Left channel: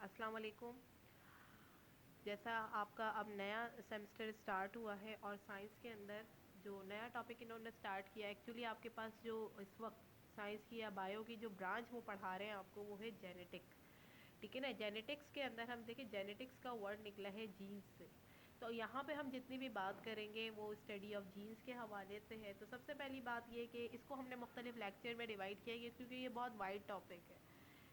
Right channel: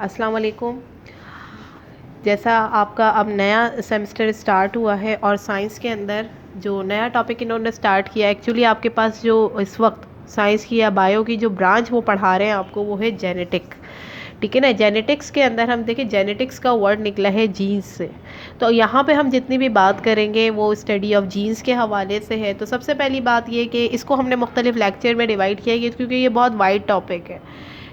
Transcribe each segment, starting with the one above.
अस्सलाम वालेकुम। जैसा आपका अब नया सेमेस्टर स्टार्ट हुआ है और साइंस के अंदर जो नया टॉपिक इन्होंने स्टार्ट किया, एक्चुअली आपके पास जो इस वक्त साइंस की या बायो की जो ब्रांच वो पढ़ा रहे हैं आपको, वो है जेनेटिक। ठीक है ना। जेनेटिक्स के अंदर हम देखें, जेनेटिक्स का वर्ड निकला है जीन्स से। तो यहाँ पे हम जितनी भी बात करेंगे वो स्टडी ऑफ जीन्स के हवाले से है। तो सबसे पहली बात ये कि इसको हमने मुख्तलिफ लेक्चर में डिवाइड किया है क्योंकि ये बहुत वाइड टॉपिक है।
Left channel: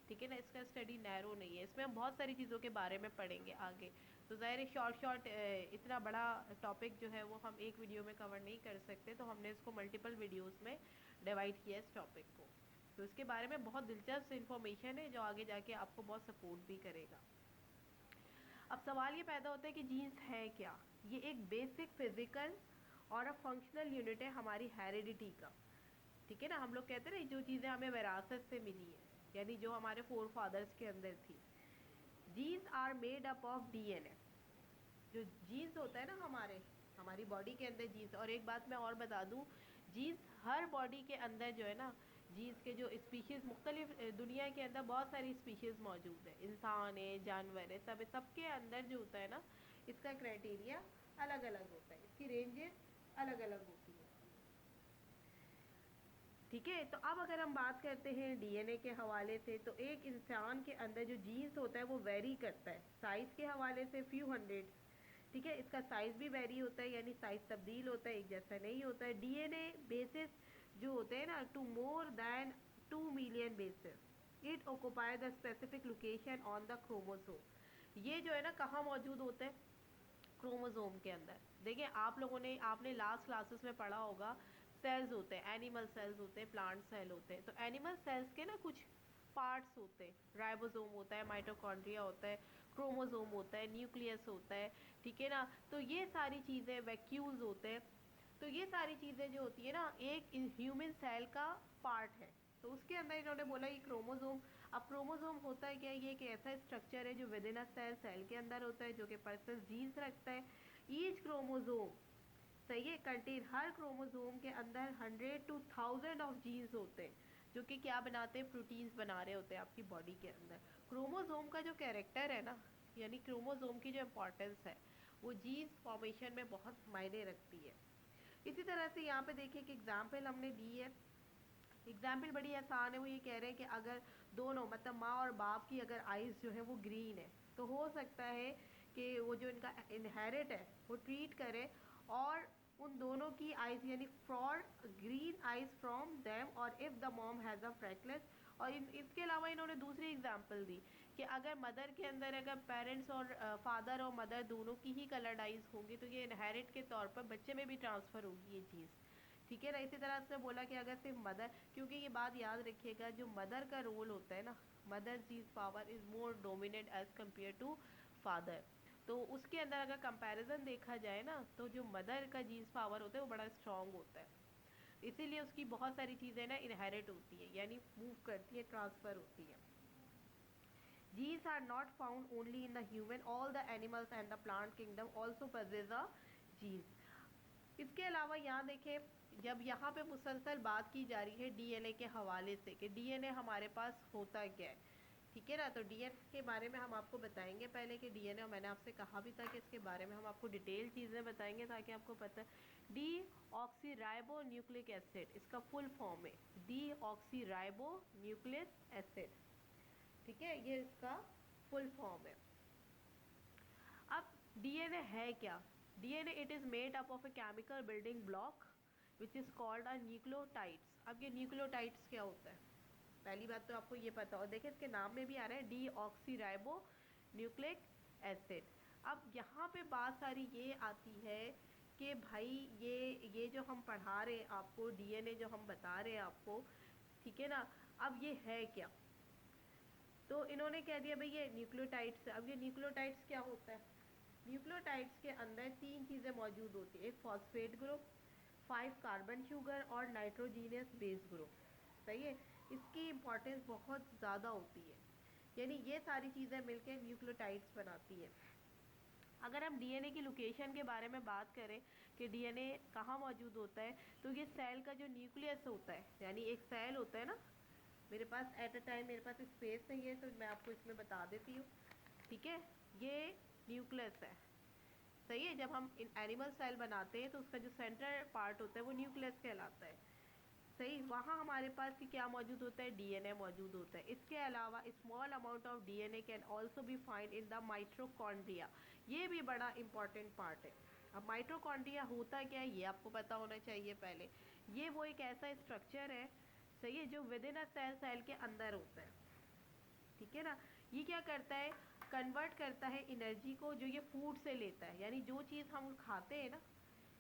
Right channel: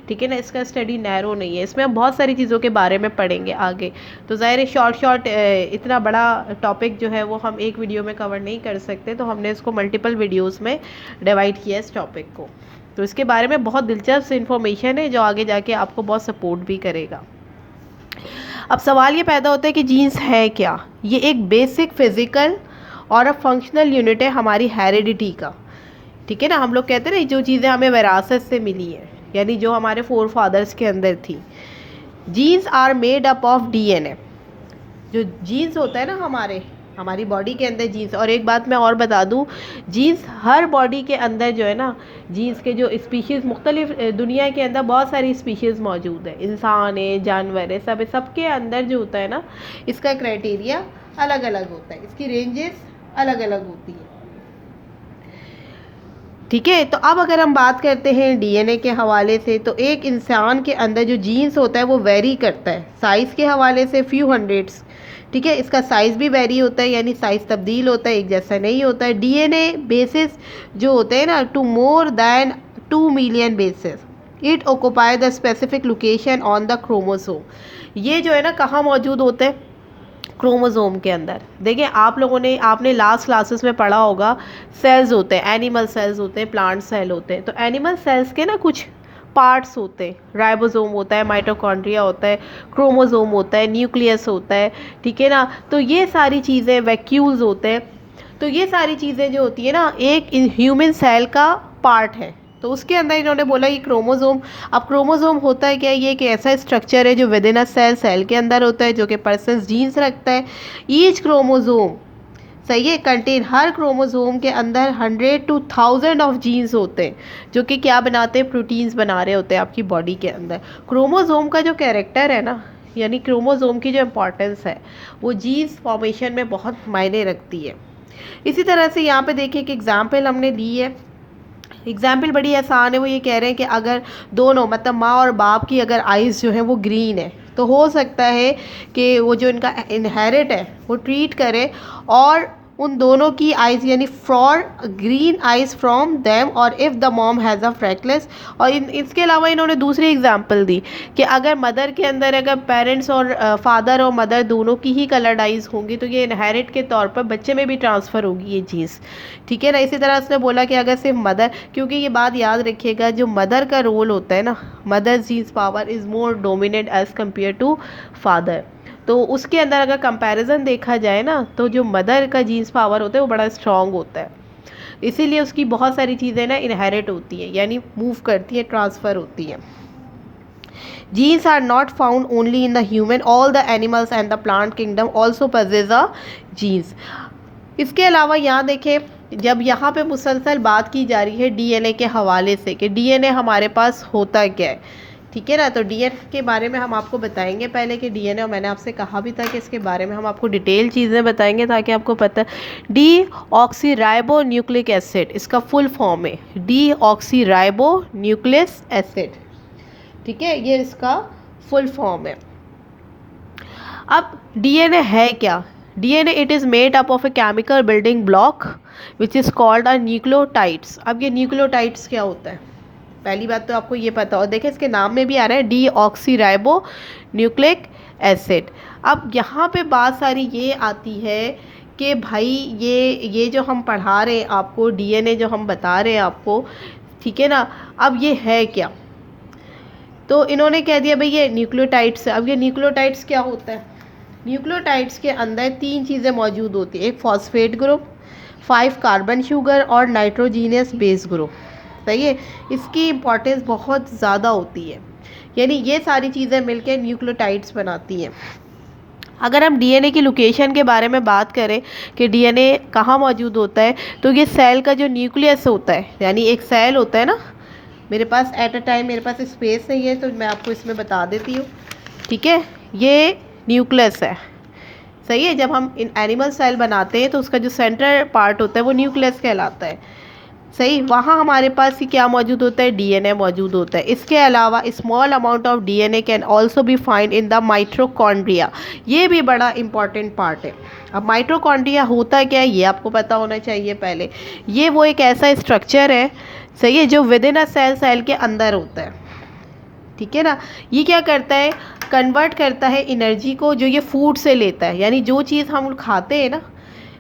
ठीक है ना, इसका स्टडी नैरो नहीं है, इसमें हम बहुत सारी चीज़ों के बारे में पढ़ेंगे आगे। तो ज़ाहिर है शॉर्ट इतना बड़ा टॉपिक जो है वो हम एक वीडियो में कवर नहीं कर सकते, तो हमने इसको मल्टीपल वीडियोस में डिवाइड किया इस टॉपिक को। तो इसके बारे में बहुत दिलचस्प इन्फॉर्मेशन है जो आगे जाके आपको बहुत सपोर्ट भी करेगा। अब सवाल ये पैदा होता है कि जीन्स है क्या। ये एक बेसिक फिज़िकल और फंक्शनल यूनिट है हमारी हेरिडिटी का। ठीक है ना, हम लोग कहते हैं ना जो चीज़ें हमें विरासत से मिली है, यानी जो हमारे फोर फादर्स के अंदर थी। Genes are made up of DNA. जो जीन्स होता है ना हमारी बॉडी के अंदर जीन्स। और एक बात मैं और बता दूं, जीन्स हर बॉडी के अंदर जो है ना, जीन्स के जो स्पीशीज़ मुख्तलिफ दुनिया के अंदर बहुत सारी स्पीशीज़ मौजूद है, इंसान है, जानवर है, सबके अंदर जो होता है ना, इसका क्राइटेरिया अलग अलग होता है, इसकी रेंजेस अलग अलग होती है। ठीक है, तो अब अगर हम बात करते हैं डीएनए के हवाले से, तो एक इंसान के अंदर जो जीन्स होता है वो वेरी करता है साइज़ के हवाले से फ्यू हंड्रेड्स। ठीक है, इसका साइज़ भी वेरी होता है, यानी साइज़ तब्दील होता है, एक जैसा नहीं होता है। डीएनए बेसिस जो होते हैं ना, two more than 2 million basis it occupy the specific location on the chromosome. ये जो है ना कहाँ मौजूद होते हैं, क्रोमोसोम के अंदर। देखिए आपने लास्ट क्लासेस में पढ़ा होगा, सेल्स होते हैं, एनिमल सेल्स होते हैं, प्लांट सेल होते हैं। तो एनिमल सेल्स के ना कुछ पार्ट्स होते हैं, राइबोसोम होता है, माइटोकॉन्ड्रिया होता है, क्रोमोसोम होता है, न्यूक्लियस होता है। ठीक है ना, तो ये सारी चीज़ें, वैक्यूल्स होते हैं। तो ये सारी चीज़ें जो होती है ना, एक ह्यूमन सेल का पार्ट है। तो उसके अंदर इन्होंने बोला ये क्रोमोसोम। अब क्रोमोसोम होता है क्या, ये एक ऐसा स्ट्रक्चर है जो विद इन अ सेल के अंदर होता है, जो कि पर्सन जीन्स रखता है। ईच क्रोमोसोम, सही है, कंटेन, हर क्रोमोसोम के अंदर 100 to 1000 ऑफ जीन्स होते हैं, जो कि क्या बनाते हैं, प्रोटीन्स बना रहे होते हैं आपकी बॉडी के अंदर। क्रोमोसोम का जो कैरेक्टर है ना, यानी क्रोमोसोम की जो इम्पोर्टेंस है, वो जीन्स फॉर्मेशन में बहुत मायने रखती है। इसी तरह से यहाँ पे देखिए कि एग्जाम्पल हमने ली है। एग्जाम्पल बड़ी आसान है, वो ये कह रहे हैं कि अगर दोनों मतलब माँ और बाप की अगर आइज़ जो है वो ग्रीन है, तो हो सकता है कि वो जो इनका इनहेरिट है वो ट्रीट करे और उन दोनों की आइज़, यानी for green eyes from them, और if the mom has a freckles. और इसके अलावा इन्होंने दूसरी एग्जांपल दी कि अगर मदर के अंदर, अगर पेरेंट्स और फादर और मदर दोनों की ही कलर्ड आइज़ होंगी, तो ये इनहेरिट के तौर पर बच्चे में भी ट्रांसफ़र होगी ये चीज़। ठीक है ना। इसी तरह उसने बोला कि अगर सिर्फ मदर, क्योंकि ये बात याद रखिएगा, जो मदर का रोल होता है ना, mother genes power is more dominate as compare to father. तो उसके अंदर अगर कंपैरिजन देखा जाए ना, तो जो मदर का जीन्स पावर होता है वो बड़ा स्ट्रॉन्ग होता है, इसीलिए उसकी बहुत सारी चीज़ें ना इनहेरिट होती हैं, यानी मूव करती है, ट्रांसफ़र होती है। Genes are not found only in the human, all the animals and the plant kingdom also possess a genes. इसके अलावा यहाँ देखें, जब यहाँ पे मुसलसल बात की जा रही है डीएनए के हवाले से कि डीएनए हमारे पास होता क्या है। ठीक है ना, तो डीएनए के बारे में हम आपको बताएंगे पहले कि डीएनए, और मैंने आपसे कहा भी था कि इसके बारे में हम आपको डिटेल चीज़ें बताएंगे ताकि आपको पता। D oxy ribo nucleic acid, इसका फुल फॉर्म है D oxy ribo nucleus acid. ठीक है, ये इसका फुल फॉर्म है। अब डीएनए है क्या। DNA it is made up of a chemical building block which is called a nucleotides. अब ये न्यूक्लियोटाइड्स क्या होता है, पहली बात तो आपको ये पता हो। देखिए इसके नाम में भी आ रहा है D oxy ribo nucleic acid. अब यहाँ पे बात सारी ये आती है कि भाई ये जो हम पढ़ा रहे हैं आपको, डीएनए जो हम बता रहे हैं आपको, ठीक है ना, अब ये है क्या। तो इन्होंने कह दिया भाई ये न्यूक्लियोटाइड्स है। अब ये न्यूक्लियोटाइड्स क्या होता है, न्यूक्लियोटाइड्स के अंदर 3 चीज़ें मौजूद होती है, एक फॉस्फेट ग्रुप, 5 कार्बन शुगर और नाइट्रोजीनियस बेस ग्रुप। सही है, इसकी इम्पोर्टेंस बहुत ज़्यादा होती है, यानी ये सारी चीज़ें मिलकर न्यूक्लियोटाइड्स बनाती हैं। अगर हम डीएनए की लोकेशन के बारे में बात करें कि डीएनए कहाँ मौजूद होता है, तो ये सेल का जो न्यूक्लियस होता है, यानी एक सेल होता है ना, मेरे पास एट अ टाइम मेरे पास स्पेस नहीं है तो मैं आपको इसमें बता देती हूँ। ठीक है, ये न्यूक्लियस है, सही है। जब हम इन एनिमल सेल बनाते हैं तो उसका जो सेंटर पार्ट होता है वो न्यूक्लियस कहलाता है, सही। वहाँ हमारे पास ही क्या मौजूद होता है, डीएनए मौजूद होता है। इसके अलावा small amount of DNA can also be find in the mitochondria, ये भी बड़ा इंपॉर्टेंट पार्ट है। अब माइटोकॉन्ड्रिया होता क्या है ये आपको पता होना चाहिए पहले। ये वो एक ऐसा स्ट्रक्चर है, सही है, जो विद इन अ सेल के अंदर होता है, ठीक है ना। ये क्या करता है, कन्वर्ट करता है एनर्जी को जो ये फूड से लेता है, यानी जो चीज़ हम खाते हैं ना,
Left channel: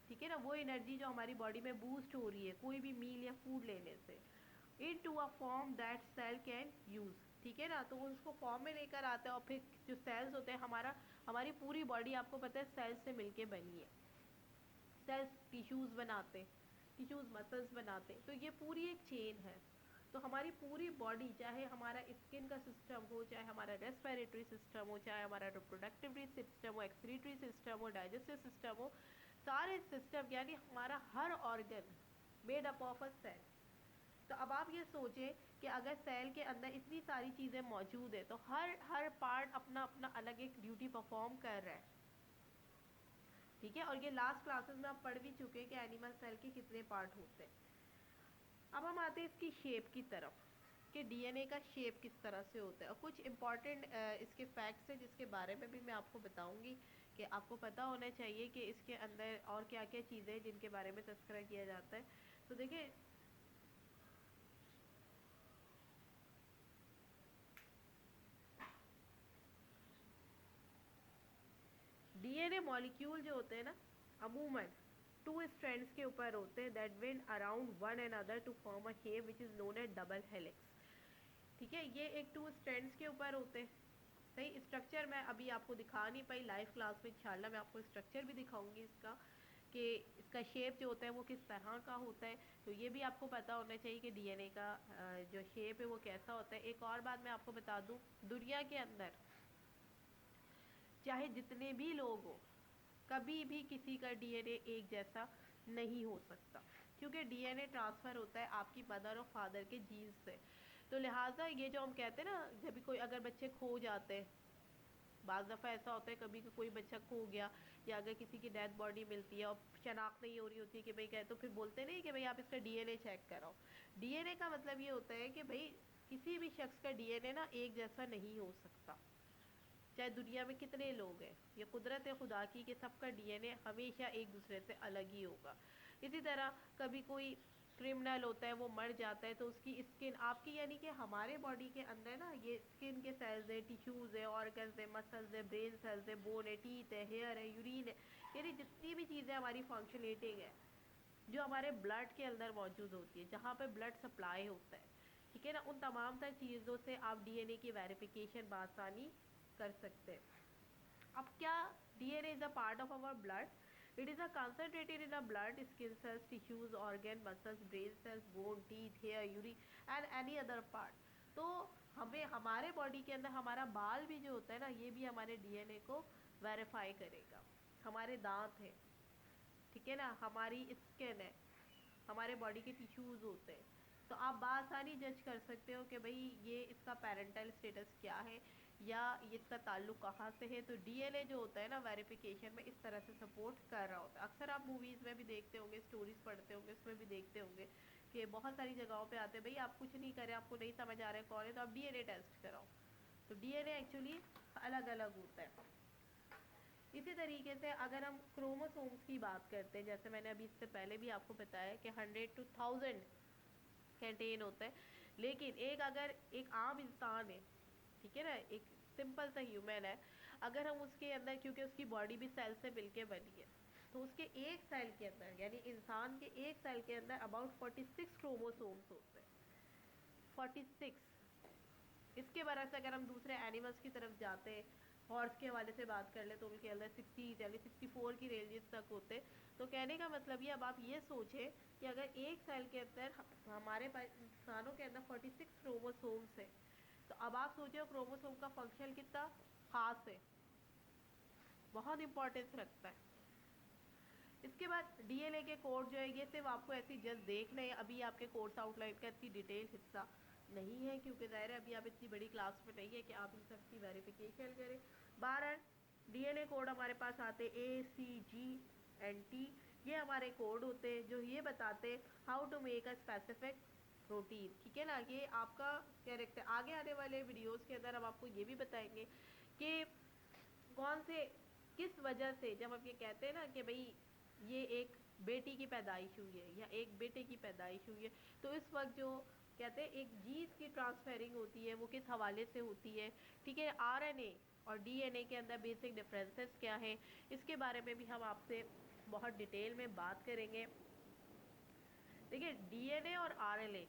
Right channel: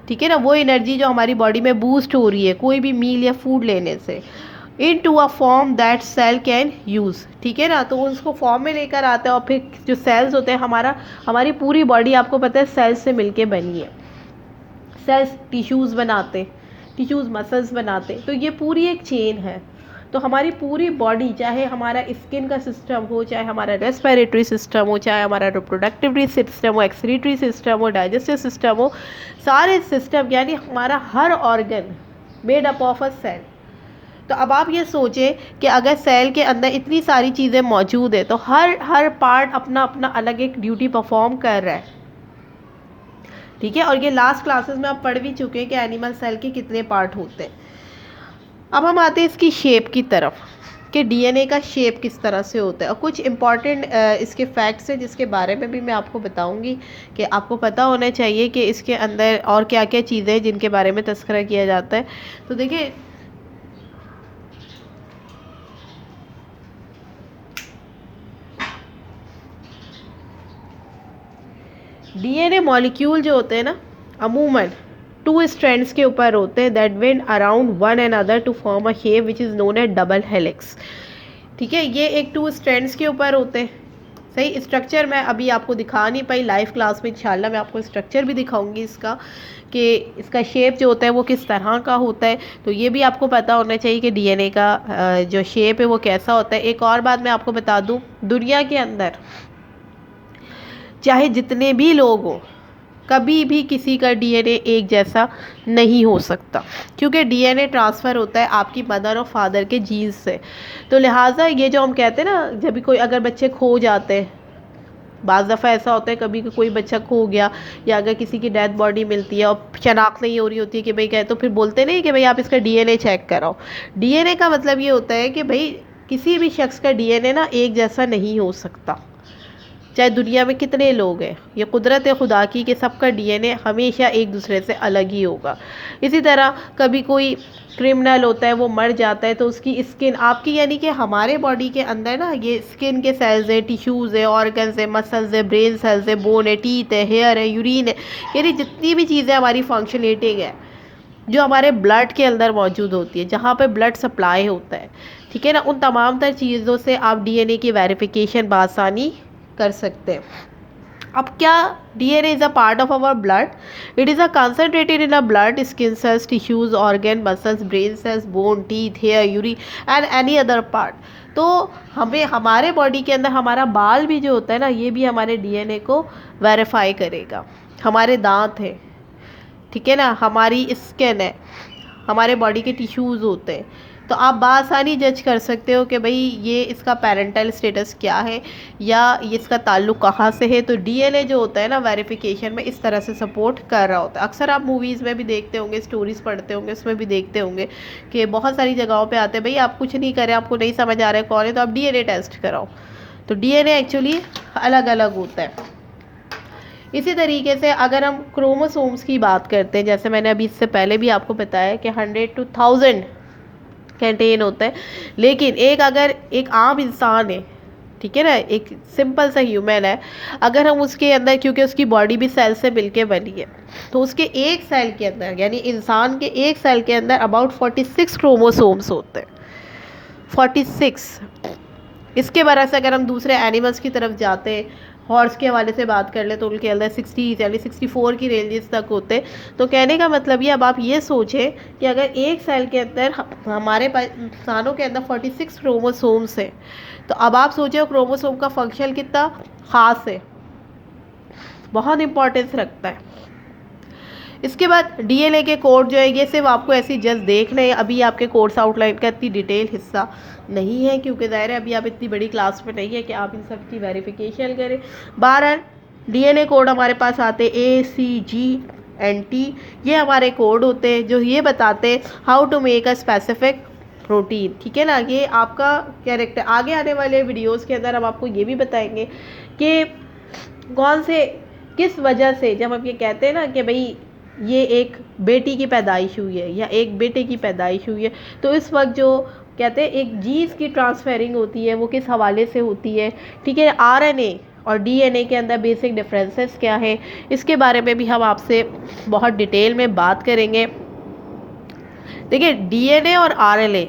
ठीक है ना, वो एनर्जी जो हमारी बॉडी में बूस्ट हो रही है कोई भी मील या फूड लेने से, into a form that cell can use, ठीक है ना। तो उसको फॉर्म में लेकर आता है और फिर जो सेल्स होते हैं, हमारी पूरी बॉडी आपको पता है सेल्स से मिलके बनी है। सेल्स टिश्यूज़ बनाते, टिश्यूज़ मसल्स बनाते, तो ये पूरी एक चेन है। तो हमारी पूरी बॉडी, चाहे हमारा स्किन का सिस्टम हो, चाहे हमारा रेस्पिरेटरी सिस्टम हो, चाहे हमारा रिप्रोडक्टिव सिस्टम हो, एक्सक्रीटरी सिस्टम हो, डाइजेस्टिव सिस्टम हो, सारे सिस्टम यानी हमारा हर organ made up of a cell. तो अब आप ये सोचें कि अगर सेल के अंदर इतनी सारी चीज़ें मौजूद है तो हर पार्ट अपना अपना अलग एक ड्यूटी परफॉर्म कर रहा है, ठीक है। और ये लास्ट क्लासेस में आप पढ़ भी चुके हैं कि एनिमल सेल के कितने पार्ट होते हैं। अब हम आते हैं इसकी शेप की तरफ, कि डीएनए का शेप किस तरह से होता है, और कुछ इंपॉर्टेंट इसके फैक्ट्स हैं जिसके बारे में भी मैं आपको बताऊंगी कि आपको पता होना चाहिए कि इसके अंदर और क्या क्या चीज़ें हैं जिनके बारे में तस्करा किया जाता है। तो देखिए, डीएनए मॉलिक्यूल जो होते हैं ना, अमूमन 2 स्ट्रैंड्स के ऊपर होते हैं that wind around one and other to form a shape which is known as double helix, ठीक है। ये एक 2 स्ट्रैंड्स के ऊपर होते हैं, सही। स्ट्रक्चर मैं अभी आपको दिखा नहीं पाई, लाइव क्लास में इंशाल्लाह मैं आपको स्ट्रक्चर भी दिखाऊंगी इसका, कि इसका शेप जो होता है वो किस तरह का होता है। तो ये भी आपको पता होना चाहिए कि डीएनए का जो शेप है वो कैसा होता है। एक और बात मैं आपको बता दूं, दुनिया के अंदर चाहे जितने भी लोग हों, कभी भी किसी का डीएनए एक जैसा नहीं हो सकता, क्योंकि डीएनए ट्रांसफ़र होता है आपकी मदर और फादर के जीन्स से। तो लिहाजा ये जो हम कहते हैं ना, जब भी कोई अगर बच्चे खो जाते हैं, बाज़ दफ़ा ऐसा होता है कभी कोई बच्चा खो गया, या अगर किसी की डेड बॉडी मिलती है और शनाख्त नहीं हो रही होती है कि भाई क्या, तो फिर बोलते नहीं कि भाई आप इसका डीएनए चेक कराओ। डीएनए का मतलब ये होता है कि भाई किसी भी शख्स का डीएनए ना एक जैसा नहीं हो सकता, चाहे दुनिया में कितने लोग हैं। ये कुदरत है खुदा की कि सबका डीएनए हमेशा एक दूसरे से अलग ही होगा। इसी तरह कभी कोई क्रिमिनल होता है, वो मर जाता है, तो उसकी स्किन आपकी, यानी कि हमारे बॉडी के अंदर ना ये स्किन के सेल्स है, टिश्यूज़ है, ऑर्गन्स है, मसल्स है, ब्रेन सेल्स है, बोन है, टीथ है, हेयर है, यूरिन है, यानी जितनी भी चीज़ें हमारी फंक्शनेटिंग है जो हमारे ब्लड के अंदर मौजूद होती है, जहाँ पे ब्लड सप्लाई होता है, ठीक है ना, उन तमाम तर चीज़ों से आप डीएनए की वेरिफिकेशन बासानी कर सकते हैं। अब क्या, DNA is a part of our blood, it is a concentrated in a blood, skin cells, tissues, organ, muscles, brain cells, bone, teeth, hair, urine and any other part. तो हमें हमारे body के अंदर हमारा बाल भी जो होता है ना, ये भी हमारे डीएनए को वेरीफाई करेगा। हमारे दांत है, ठीक है ना, हमारी स्किन है, हमारे बॉडी के टिश्यूज़ होते हैं। तो आप बासानी जज कर सकते हो कि भाई ये इसका पेरेंटल स्टेटस क्या है, या ये इसका ताल्लुक़ कहाँ से है। तो डीएनए जो होता है ना, वेरिफिकेशन में इस तरह से सपोर्ट कर रहा होता है। अक्सर आप मूवीज़ में भी देखते होंगे, स्टोरीज़ पढ़ते होंगे, उसमें भी देखते होंगे कि बहुत सारी जगहों पे आते हैं, भाई आप कुछ नहीं करें, आपको नहीं समझ आ रहा है कौन है, तो आप डीएनए टेस्ट कराओ। तो डीएनए एक्चुअली अलग अलग होता है। इसी तरीके से अगर हम क्रोमोसोम्स की बात करते हैं, जैसे मैंने अभी इससे पहले भी आपको बताया कि 100 to 1000 कंटेन होता है। लेकिन अगर एक आम इंसान है, ठीक है ना, एक सिंपल सा ह्यूमन है, अगर हम उसके अंदर, क्योंकि उसकी बॉडी भी सेल से मिलके बनी है, तो उसके एक सेल के अंदर, यानी इंसान के एक सेल के अंदर अबाउट 46 क्रोमोसोम्स होते हैं, 46। इसके वजह से अगर हम दूसरे एनिमल्स की तरफ जाते हैं, हॉर्स के हवाले से बात कर ले, तो उनके अंदर 60 यानी 64 की रेंजेस तक होते। तो कहने का मतलब ये, अब आप ये सोचें कि अगर एक सेल के अंदर हमारे इंसानों के अंदर 46 क्रोमोसोम्स हैं, तो अब आप सोचें क्रोमोसोम का फंक्शन कितना ख़ास है, बहुत इंपॉर्टेंस रखता है। इसके बाद डीएनए के कोड जो है ये सिर्फ आपको ऐसे जस्ट देखने, अभी आपके कोर्स आउटलाइन का इतनी डिटेल हिस्सा नहीं है, क्योंकि ज़ाहिर है अभी आप इतनी बड़ी क्लास में नहीं है कि आप इन सब की वेरिफिकेशन करें। 12 डीएनए कोड हमारे पास आते ACGNT, ये हमारे कोड होते हैं जो ये बताते हैं how to make a specific protein. ठीक है ना, ये आपका कैरेक्टर। आगे आने वाले वीडियोस के अंदर हम आपको ये भी बताएंगे कि कौन से किस वजह से, जब हम ये कहते हैं ना कि भाई ये एक बेटी की पैदाइश हुई है या एक बेटे की पैदाइश हुई है, तो इस वक्त जो कहते हैं एक जीन्स की ट्रांसफेरिंग होती है वो किस हवाले से होती है। ठीक है, आरएनए और डीएनए के अंदर बेसिक डिफरेंसेस क्या है, इसके बारे में भी हम आपसे बहुत डिटेल में बात करेंगे। देखिए, डीएनए और आरएनए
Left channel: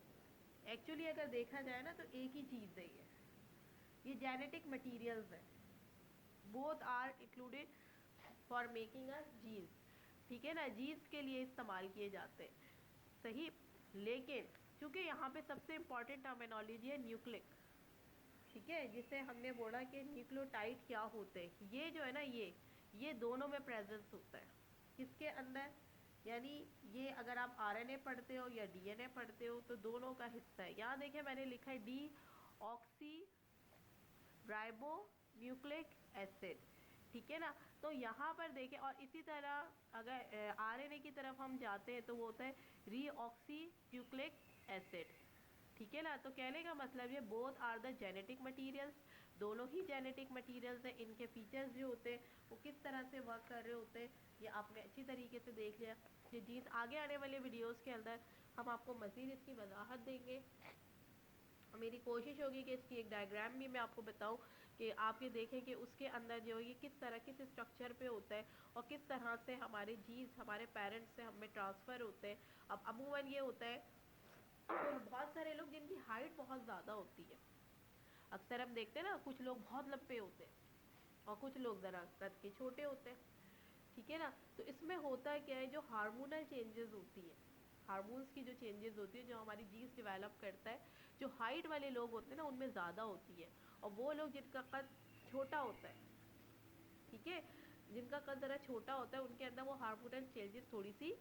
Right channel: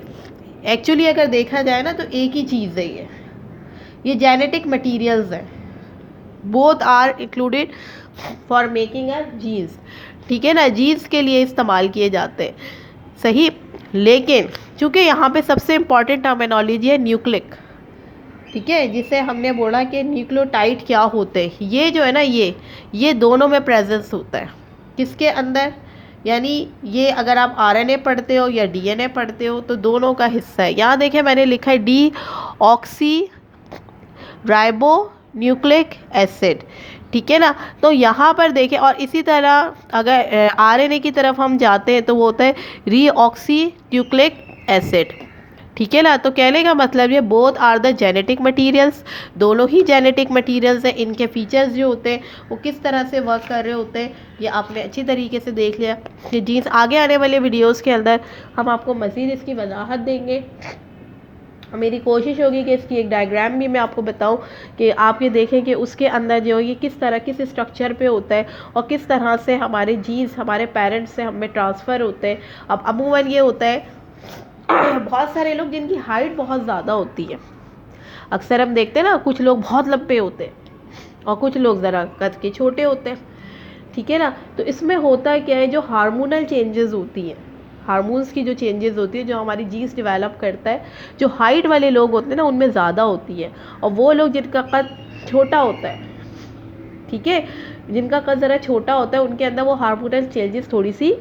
एक्चुअली अगर देखा जाए ना तो एक ही चीज़ है, ये जेनेटिक मटीरियल्स हैं। Both are included for making a genes. ठीक है ना, जीन्स के लिए इस्तेमाल किए जाते हैं, सही। लेकिन चूंकि यहाँ पे सबसे इम्पॉर्टेंट टर्मिनोलॉजी है न्यूक्लिक। ठीक है, जिसे हमने बोला कि न्यूक्लियोटाइड क्या होते हैं, ये जो है ना ये दोनों में प्रेजेंस होता है। किसके अंदर, यानी ये अगर आप आरएनए पढ़ते हो या डीएनए पढ़ते हो तो दोनों का हिस्सा है। यहाँ देखें मैंने लिखा है D oxy ribo nucleic acid. ठीक है ना, तो यहाँ पर देखें, और इसी तरह अगर आरएनए की तरफ हम जाते हैं तो वो होता है रीऑक्सी न्यूक्लिक एसिड। ठीक है ना, तो कहने का मतलब ये both are the genetic materials, दोनों ही जेनेटिक मटीरियल्स हैं। इनके फीचर्स जो होते हैं वो किस तरह से वर्क कर रहे होते हैं ये आपने अच्छी तरीके से देख लिया कि जीन्स। आगे आने वाले वीडियोस के अंदर हम आपको मज़ीद इसकी वजाहत देंगे। मेरी कोशिश होगी कि इसकी एक डायग्राम भी मैं आपको बताऊं कि आप ये देखें कि उसके अंदर जो ये किस तरह किस स्ट्रक्चर पे होता है और किस तरह से हमारे जीन्स हमारे पेरेंट्स से हमें ट्रांसफ़र होते हैं। अब अमूमन ये होता है बहुत सारे लोग जिनकी हाइट बहुत ज़्यादा होती है, अक्सर हम देखते हैं ना, कुछ लोग बहुत लंबे होते हैं और कुछ लोग ज़रा कद के छोटे होते हैं। ठीक है ना, तो इसमें होता क्या है, जो हार्मोनल चेंजेस होती हैं, हार्मोन्स की जो चेंजेस होती है, जो हमारी जीन्स डेवलप करता है, जो हाइट वाले लोग होते हैं ना उनमें ज़्यादा होती है, और वो लोग जिनका कद छोटा होता है, ठीक है, जिनका कद ज़रा छोटा होता है, उनके अंदर वो हार्मोनल चेंजेस थोड़ी सी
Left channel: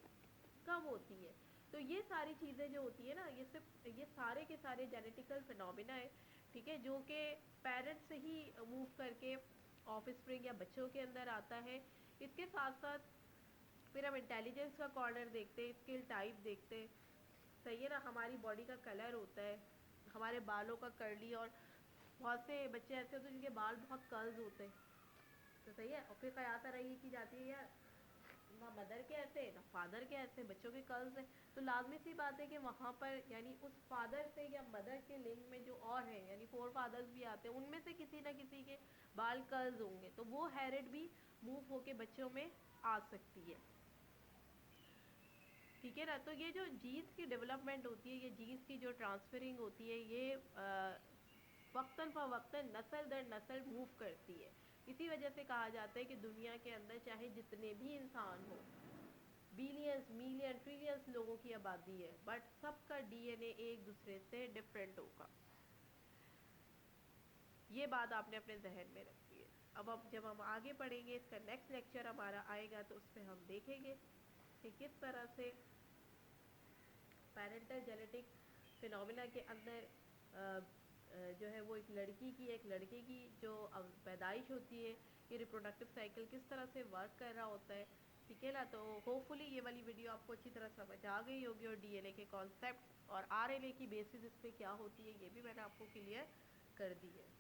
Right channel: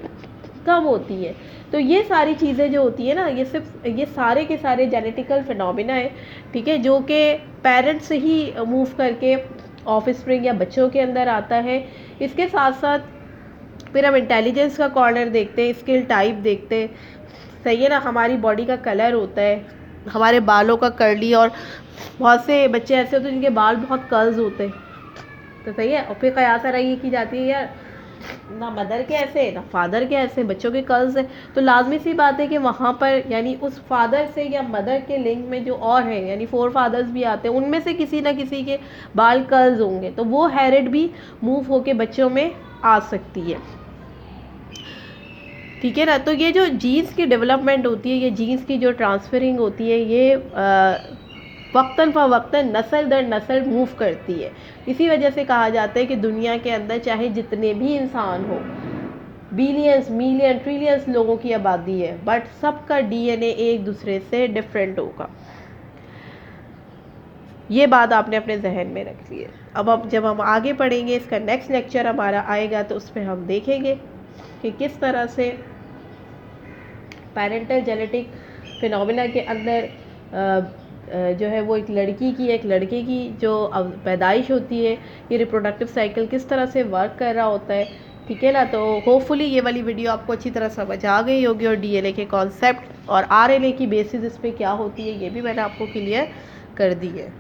कम होती है। तो ये सारी चीज़ें जो होती है ना, ये सिर्फ ये सारे के सारे जेनेटिकल फिनोमिना है। ठीक है, जो कि पेरेंट्स से ही मूव करके ऑफस्प्रिंग या बच्चों के अंदर आता है। इसके साथ साथ फिर हम इंटेलिजेंस का कॉर्नर देखते हैं, स्किल टाइप देखते हैं, सही है ना, हमारी बॉडी का कलर होता है, हमारे बालों का कर्ली, और बहुत से बच्चे ऐसे होते हैं जिनके बाल बहुत कर्ल्स होते हैं, तो सही है। और फिर कयास रही की जाती है यार ना मदर के ऐसे ना फादर के ऐसे, बच्चों के कर्ल्स है, तो लाजमी सी बात है कि वहाँ पर यानी उस फादर से या मदर के लिंक में जो और है, यानी 4 फादर्स भी आते हैं, उनमें से किसी ना किसी के बाल कर्ल्स होंगे, तो वो हेरिड भी मूव होके बच्चों में आ सकती है। ठीक है ना, तो ये जो जीन्स की डेवलपमेंट होती है, ये जीन्स की जो ट्रांसफरिंग होती है, ये वक्तन फ़वक्तन नस्ल दर नस्ल मूव करती है। इसी वजह से कहा जाता है कि दुनिया के अंदर चाहे जितने भी इंसान हो, बिलियंस मिलियन ट्रिलियंस लोगों की आबादी है, बट सबका डीएनए एक दूसरे से डिफरेंट होगा। ये बात आपने अपने जहन में रखी है। अब जब हम आगे पढ़ेंगे, इसका नेक्स्ट लेक्चर हमारा आएगा, तो उसमें हम देखेंगे कि किस तरह से पेरेंटल जेनेटिक फिनोमिना के अंदर जो है वो एक लड़की की एक लड़के की जो पैदाइश होती है, ये रिप्रोडक्टिव साइकिल किस तरह से वर्क कर रहा होता है। ठीक है ना, तो होपफुली ये वाली वीडियो आपको अच्छी तरह समझ आ गई होगी, और डीएनए के कॉन्सेप्ट और आरएनए की बेसिस इस पर क्या होती है ये भी मैंने आपको क्लियर कर दी है।